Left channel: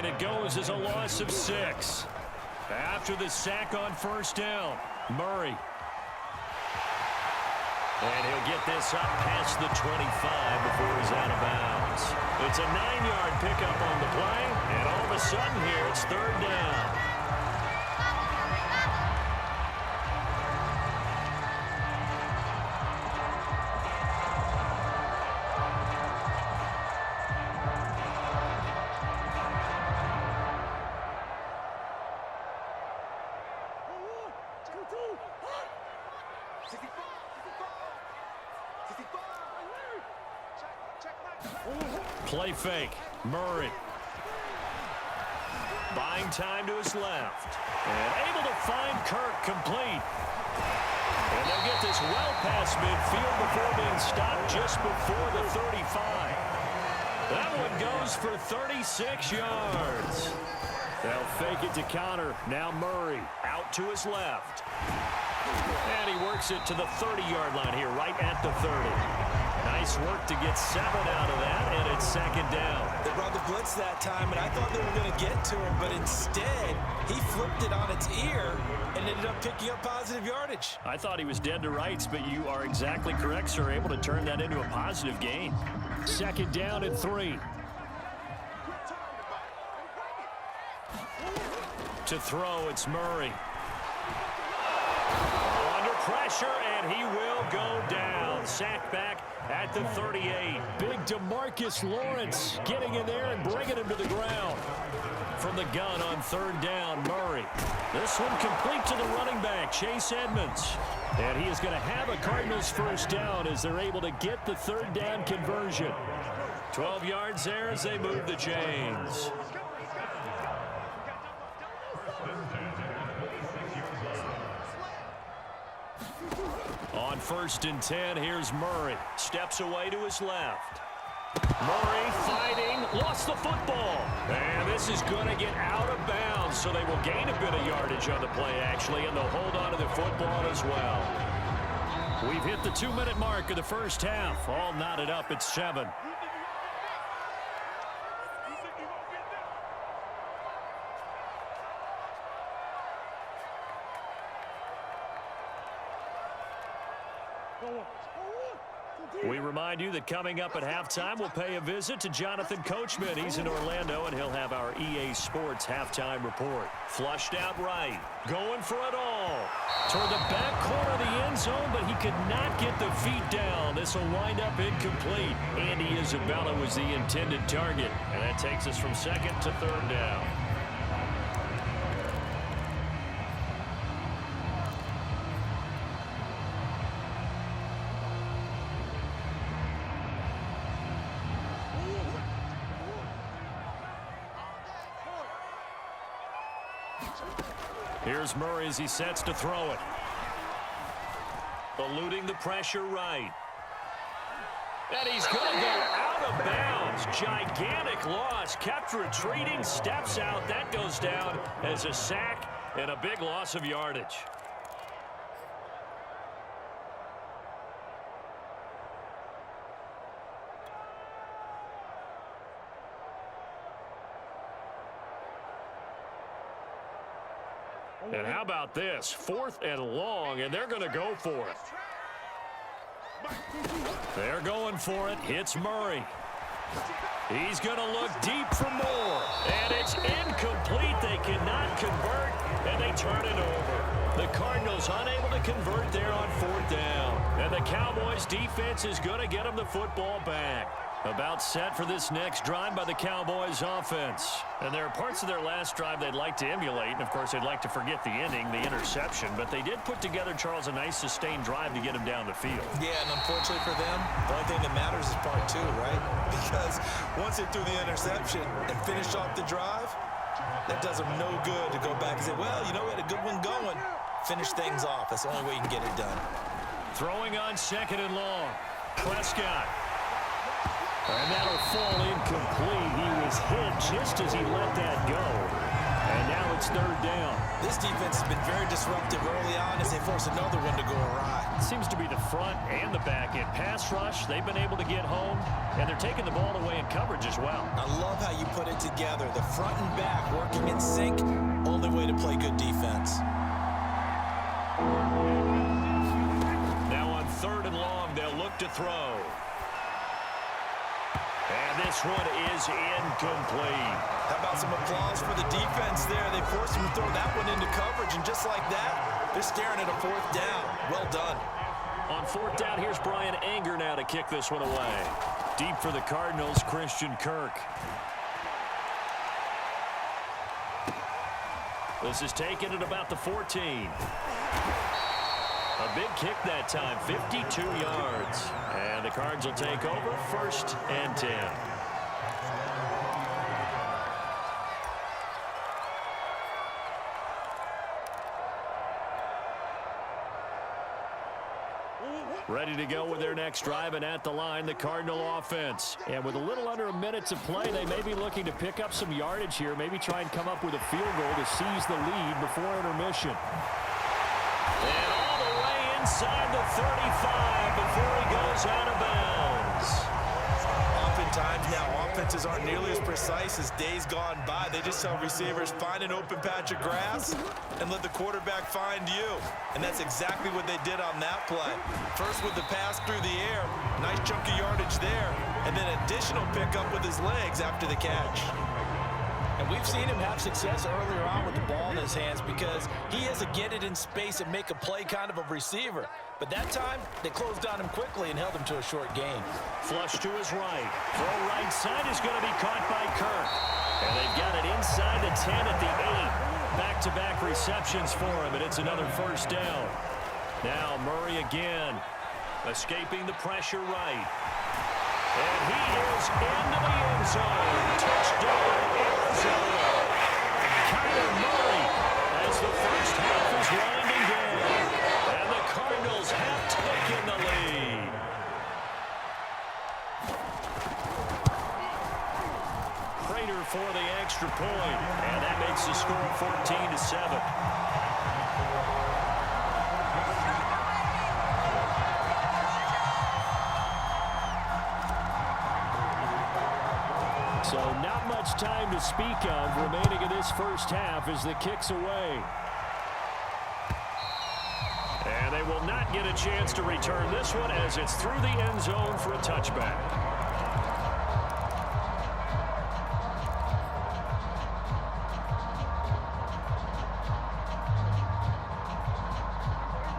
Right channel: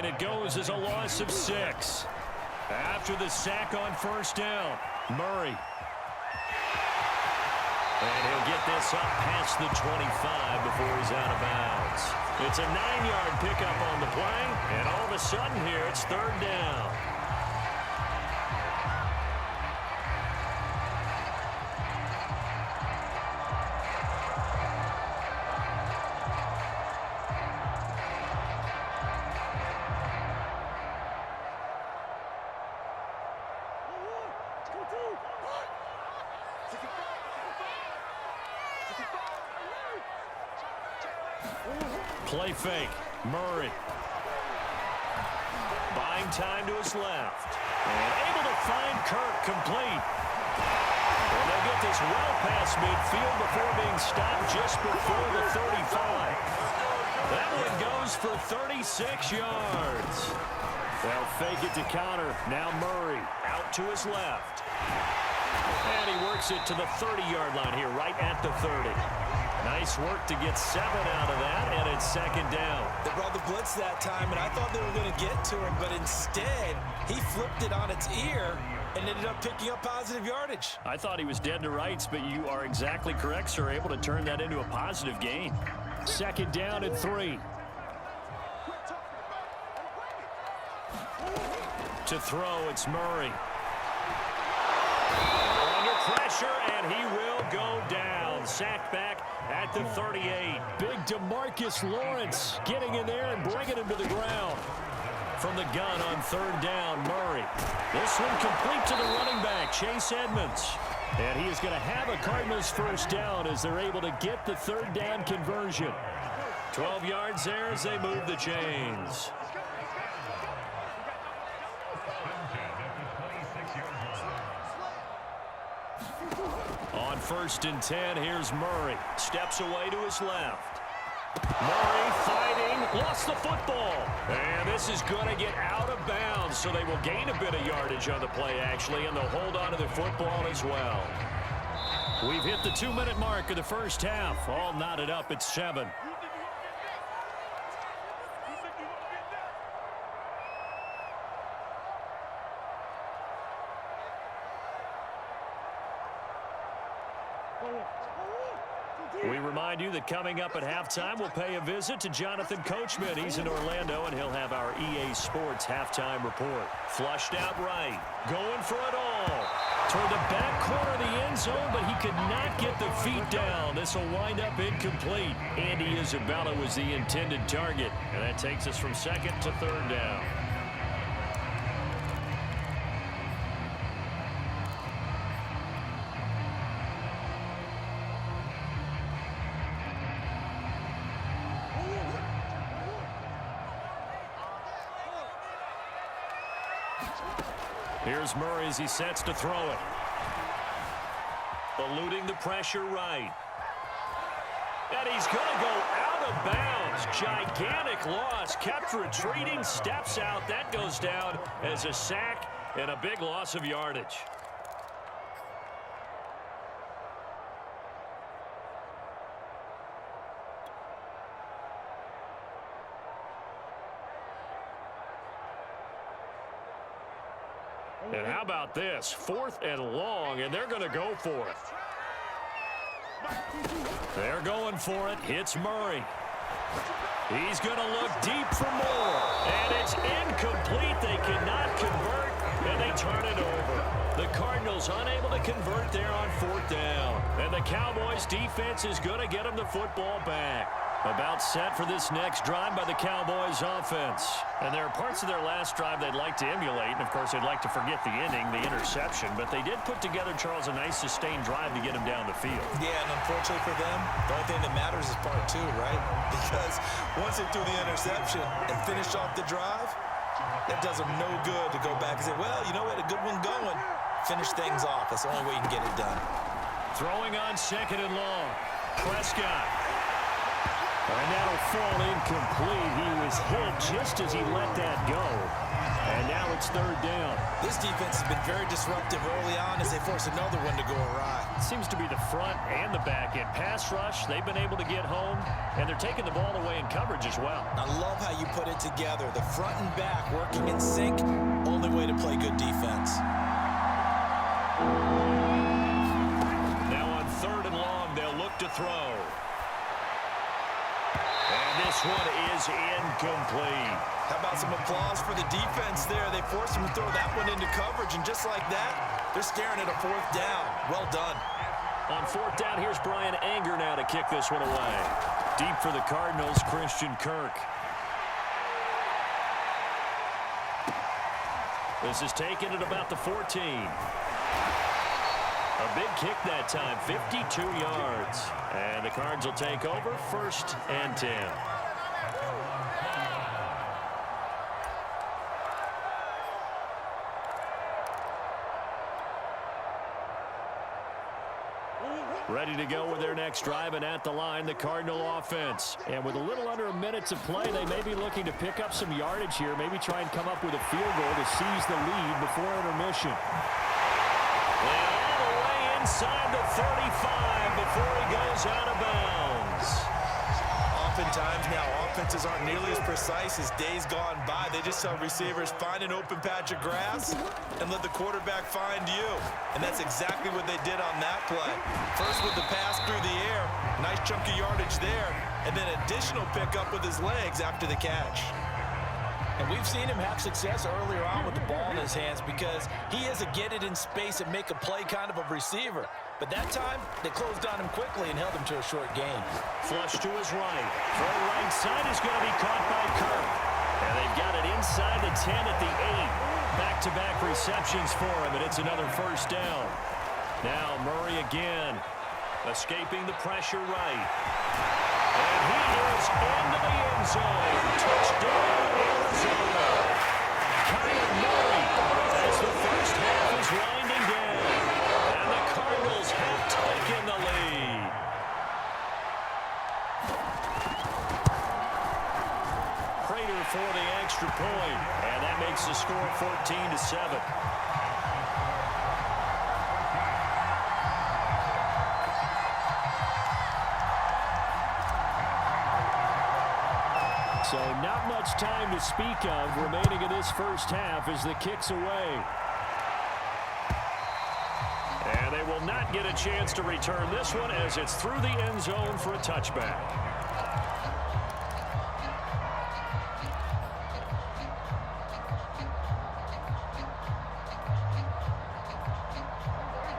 and it goes as a loss of 6. After the sack on first down, Murray. And he'll get this up past the 25 before he's out of bounds. It's a 9-yard pickup on the play, and all of a sudden here it's third down. Play fake. Murray. Buying time to his left. And able to find Kirk complete. And they'll get this well past midfield before being stopped just before the 35. That one goes for 36 yards. They'll fake it to counter. Now Murray out to his left. And he works it to the 30-yard line here, right at the 30. Nice work to get 7 out of that, and it's second down. They brought the blitz that time, and I thought they were going to get to him, but instead, he flipped it on its ear and ended up picking up positive yardage. I thought he was dead to rights, but you are exactly correct, sir, able to turn that into a positive gain. Second down and 3. To throw, it's Murray. Under pressure, and he will go down. Sacked back at the 38. Big DeMarcus Lawrence getting in there and bringing him to the ground. From the gun on third down, Murray. This one complete to the running back, Chase Edmonds. And he is going to have a Cardinals first down as they're able to get the third down conversion. 12 yards there as they move the chains. On first and 10, here's Murray. Steps away to his left. Murray fighting, lost the football. And this is going to get out of bounds, so they will gain a bit of yardage on the play, actually, and they'll hold on to the football as well. We've hit the 2-minute mark of the first half. All knotted up at 7. We remind you that coming up at halftime, we'll pay a visit to Jonathan Coachman. He's in Orlando, and he'll have our EA Sports halftime report. Flushed out right. Going for it all. Toward the back corner of the end zone, but he could not get the feet down. This will wind up incomplete. Andy Isabella was the intended target. And that takes us from second to third down. Here's Murray as he sets to throw it. Eluding the pressure right. And he's going to go out of bounds. Gigantic loss. Kept retreating. Steps out. That goes down as a sack and a big loss of yardage. And how about this? 4th and long, and they're going to go for it. They're going for it. Hits Murray. He's going to look deep for more. And it's incomplete. They cannot convert, and they turn it over. The Cardinals unable to convert there on 4th down. And the Cowboys defense is going to get them the football back. About set for this next drive by the Cowboys offense. And there are parts of their last drive they'd like to emulate. And, of course, they'd like to forget the ending, the interception. But they did put together, Charles, a nice sustained drive to get him down the field. Yeah, and unfortunately for them, the only thing that matters is part 2, right? Because once they threw the interception and finished off the drive, that does them no good to go back and say, well, you know, we had a good one going. Finish things off. That's the only way you can get it done. Throwing on second and long. Prescott. And that'll fall incomplete. He was hit just as he let that go. And now it's third down. This defense has been very disruptive early on as they force another one to go awry. It seems to be the front and the back end. Pass rush, they've been able to get home, and they're taking the ball away in coverage as well. I love how you put it together. The front and back working in sync, only way to play good defense. Now on third and long, they'll look to throw. And this one is incomplete. How about some applause for the defense there? They forced him to throw that one into coverage, and just like that, they're staring at a fourth down. Well done. On fourth down, here's Brian Anger now to kick this one away. Deep for the Cardinals, Christian Kirk. This is taken at about the 14. A big kick that time, 52 yards. And the Cards will take over, 1st and 10. Ready to go with their next drive, and at the line, the Cardinal offense. And with a little under a minute to play, they may be looking to pick up some yardage here, maybe try and come up with a field goal to seize the lead before intermission. And all the way inside the 35 before he goes out of bounds. Oftentimes now, offenses aren't nearly as precise as days gone by. They just tell receivers, find an open patch of grass and let the quarterback find you. And that's exactly what they did on that play. First with the pass through the air, nice chunk of yardage there, and then additional pickup with his legs after the catch. And we've seen him have success earlier on with the ball in his hands because he is a get it in space and make a play kind of a receiver. But that time, they closed on him quickly and held him to a short gain. Flush to his right. Throw right side is going to be caught by Kirk. And they've got it inside the 10 at the 8. Back-to-back receptions for him, and it's another first down. Now Murray again, escaping the pressure right. And he is into the end zone. Touchdown, Arizona. Kyler Murray as the first half is winding down. And the Cardinals have taken the lead. Prater for the extra point. And that makes the score 14-7. So not much time to speak of remaining in this first half as the kick's away. And they will not get a chance to return this one as it's through the end zone for a touchback.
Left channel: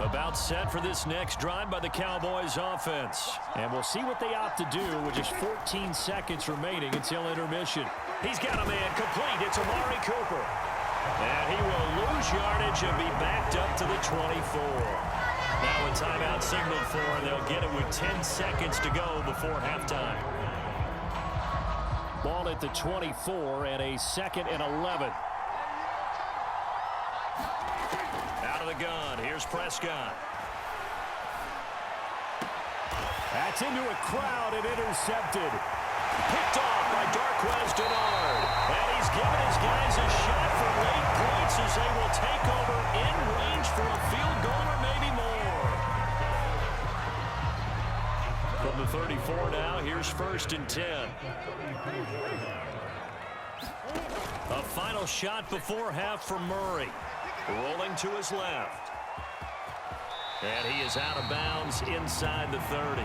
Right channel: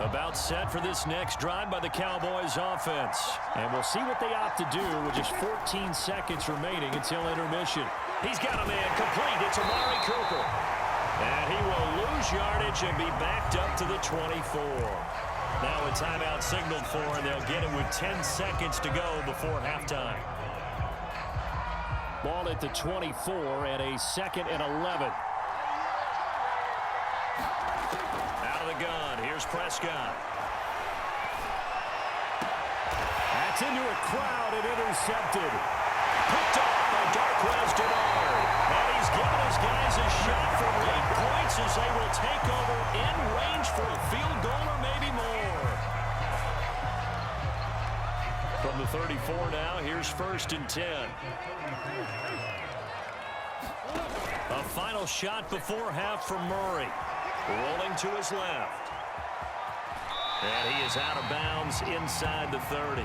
About set for this next drive by the Cowboys offense. And we'll see what they opt to do with just 14 seconds remaining until intermission. He's got a man complete. It's Amari Cooper. And he will lose yardage and be backed up to the 24. Now a timeout signaled for, and they'll get it with 10 seconds to go before halftime. Ball at the 24 and a 2nd and 11. Out of the gun, here's Prescott. That's into a crowd and intercepted. Picked off by Darquez Denard. And he's given his guys a shot for late points as they will take over in range for a field goal or maybe more. From the 34 now, here's 1st and 10. A final shot before half for Murray. Rolling to his left. And he is out of bounds inside the 30.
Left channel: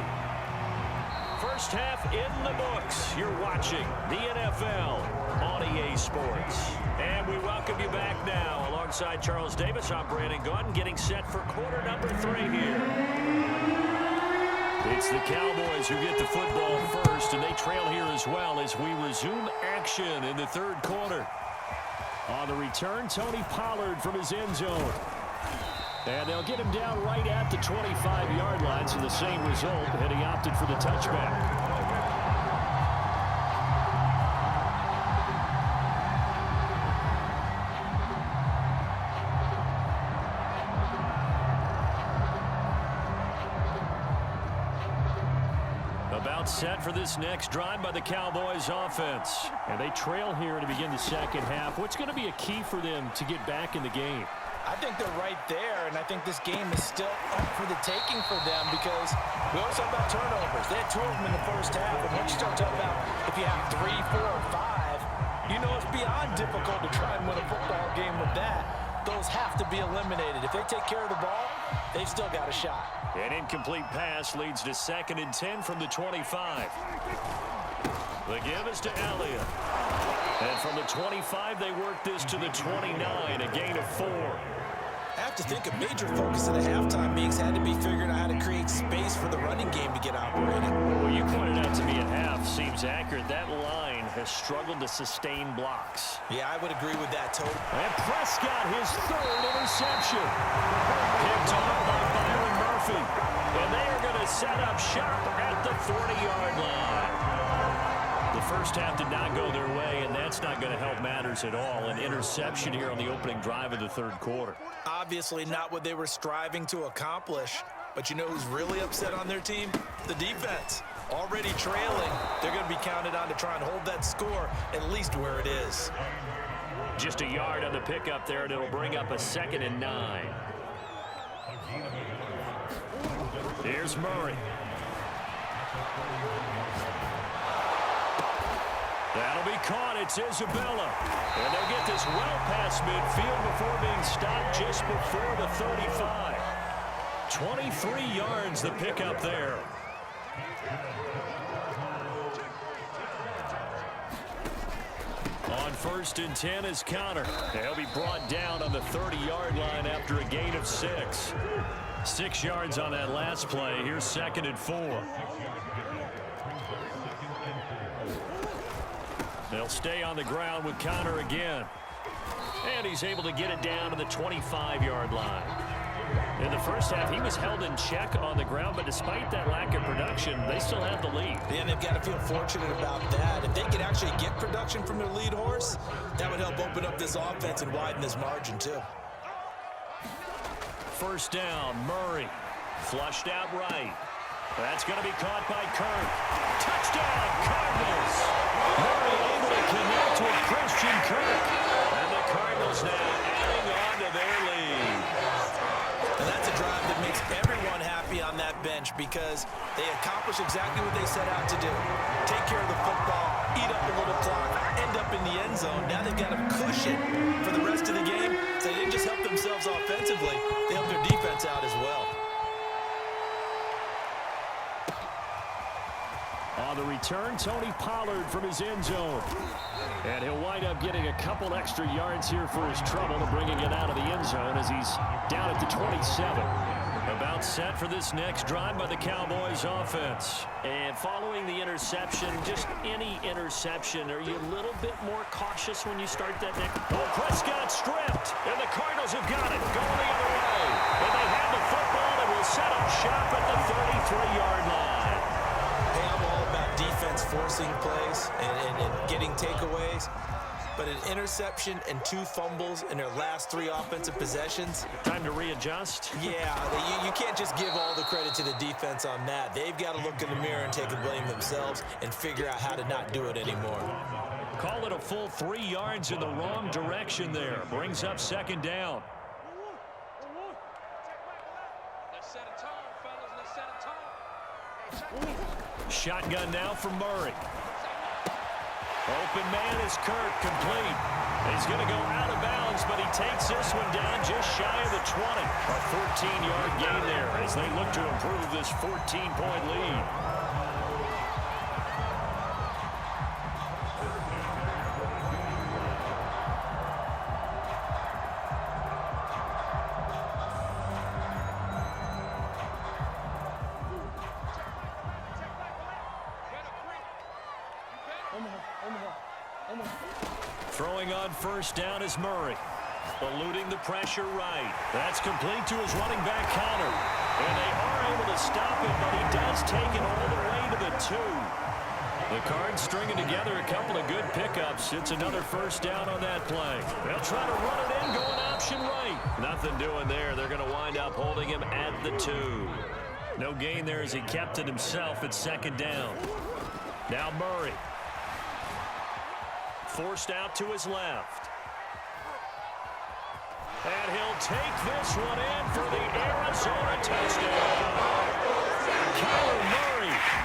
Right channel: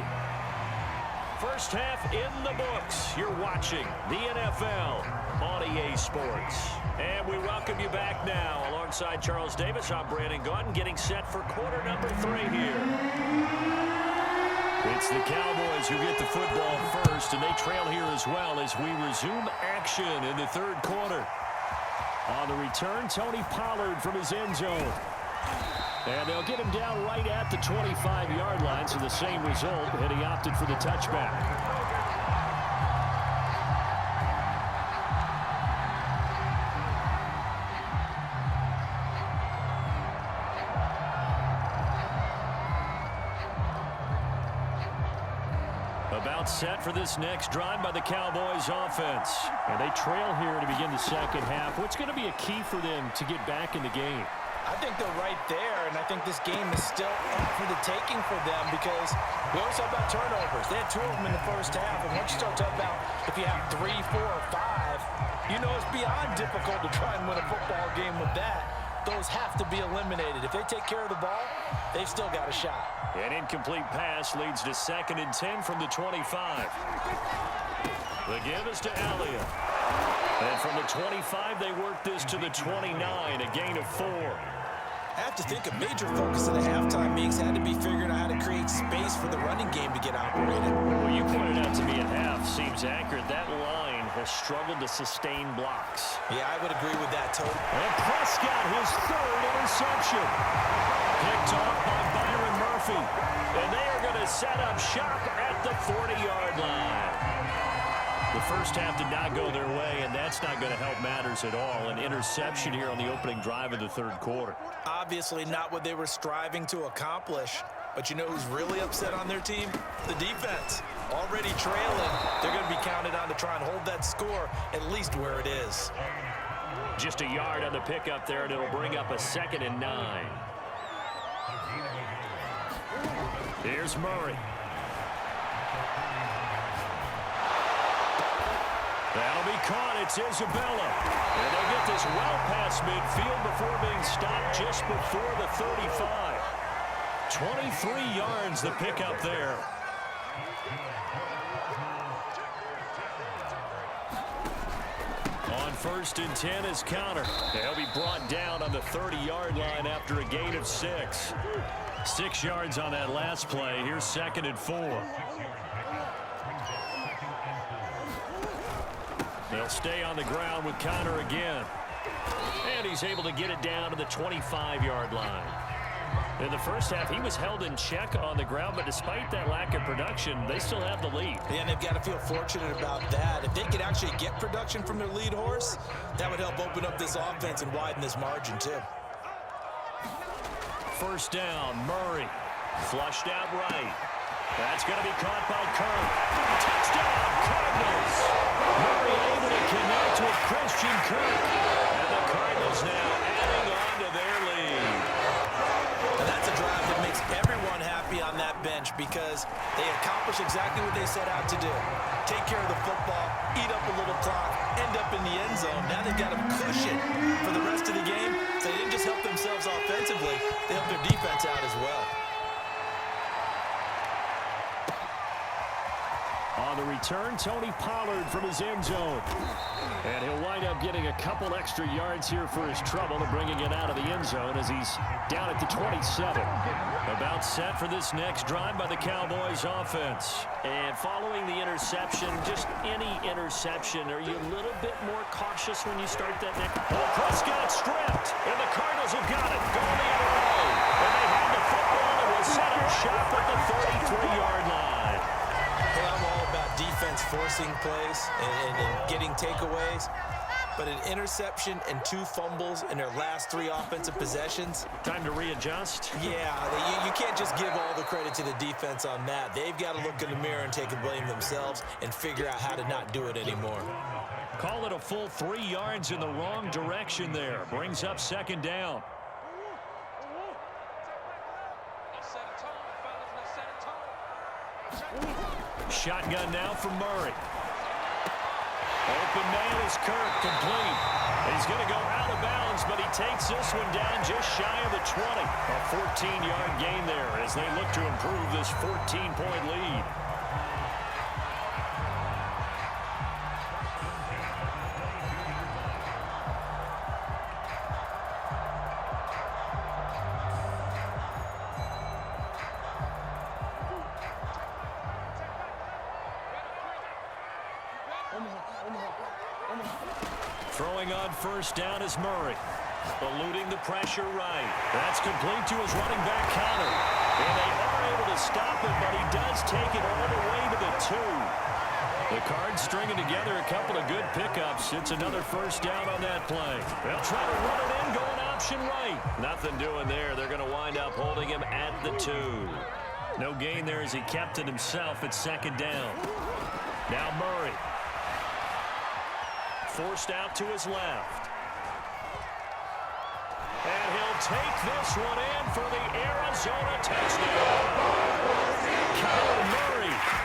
First half in the books. You're watching the NFL on EA Sports. And we welcome you back now. Alongside Charles Davis, I'm Brandon Gaudin, getting set for quarter number 3 here. It's the Cowboys who get the football first, and they trail here as well as we resume action in the 3rd quarter. On the return, Tony Pollard from his end zone. And they'll get him down right at the 25-yard line, so the same result, and he opted for the touchback. About set for this next drive by the Cowboys offense. And they trail here to begin the second half. What's going to be a key for them to get back in the game? I think they're right there, and I think this game is still up for the taking for them because we always talk about turnovers. They had 2 of them in the first half, and once you start talking about if you have 3, 4, or 5, you know it's beyond difficult to try and win a football game with that. Those have to be eliminated. If they take care of the ball, they've still got a shot. An incomplete pass leads to 2nd and 10 from the 25. The give is to Elliott. And from the 25, they work this to the 29, a gain of 4. I have to think a major focus of the halftime meetings had to be figuring out how to create space for the running game to get operating. Well, you pointed out to me at half, seems accurate. That line has struggled to sustain blocks. Yeah, I would agree with that, Toby. And Prescott, his 3rd interception. Picked off by Byron Murphy. And they are going to set up shop at the 40-yard line. The first half did not go their way, and that's not going to help matters at all. An interception here on the opening drive of the 3rd quarter. Obviously not what they were striving to accomplish. But you know who's really upset on their team? The defense. Already trailing. They're going to be counted on to try and hold that score at least where it is. Just a yard on the pickup there, and it'll bring up a 2nd and 9. Here's Murray. That'll be caught. It's Isabella. And they'll get this well past midfield before being stopped just before the 35. 23 yards the pickup there. On 1st and 10 is Counter. They'll be brought down on the 30-yard line after a gain of 6. 6 yards on that last play. Here's 2nd and 4. They'll stay on the ground with Conner again. And he's able to get it down to the 25-yard line. In the first half, he was held in check on the ground, but despite that lack of production, they still have the lead. Yeah, and they've got to feel fortunate about that. If they could actually get production from their lead horse, that would help open up this offense and widen this margin, too. First down, Murray. Flushed out right. That's going to be caught by Kirk. Touchdown, Cardinals. Murray able to connect with Christian Kirk. And the Cardinals now adding on to their lead. And that's a drive that makes everyone happy on that bench because they accomplish exactly what they set out to do. Take care of the football, eat up a little clock, end up in the end zone. Now they've got a cushion for the rest of the game. So they didn't just help themselves offensively, they helped their defense out as well. On the return, Tony Pollard from his end zone. And he'll wind up getting a couple extra yards here for his trouble and bringing it out of the end zone as he's down at the 27. About set for this next drive by the Cowboys offense. And following the interception, just any interception, are you a little bit more cautious when you start that next? Oh, Prescott stripped, and the Cardinals have got it, going the other way. And they have the football and will set up shop at the 33-yard line. Hey, I'm all about defense forcing plays and getting takeaways. But an interception and 2 fumbles in their last 3 offensive possessions. Time to readjust? Yeah, you can't just give all the credit to the defense on that. They've got to look in the mirror and take the blame themselves and figure out how to not do it anymore. Call it a full 3 yards in the wrong direction there. Brings up 2nd down. Let's set a tone, fellas. Let's set a tone. Shotgun now from Murray. Open man is Kirk, complete. He's going to go out of bounds, but he takes this one down just shy of the 20. A 14-yard gain there as they look to improve this 14-point lead. Throwing on first down is Murray. Eluding the pressure right. That's complete to his running back, Conner. And they are able to stop him, but he does take it all the way to the 2. The Cards stringing together a couple of good pickups. It's another first down on that play. They'll try to run it in, going option right. Nothing doing there. They're going to wind up holding him at the 2. No gain there as he kept it himself at second down. Now Murray. Forced out to his left. And he'll take this one in for the Arizona touchdown. Kyler Murray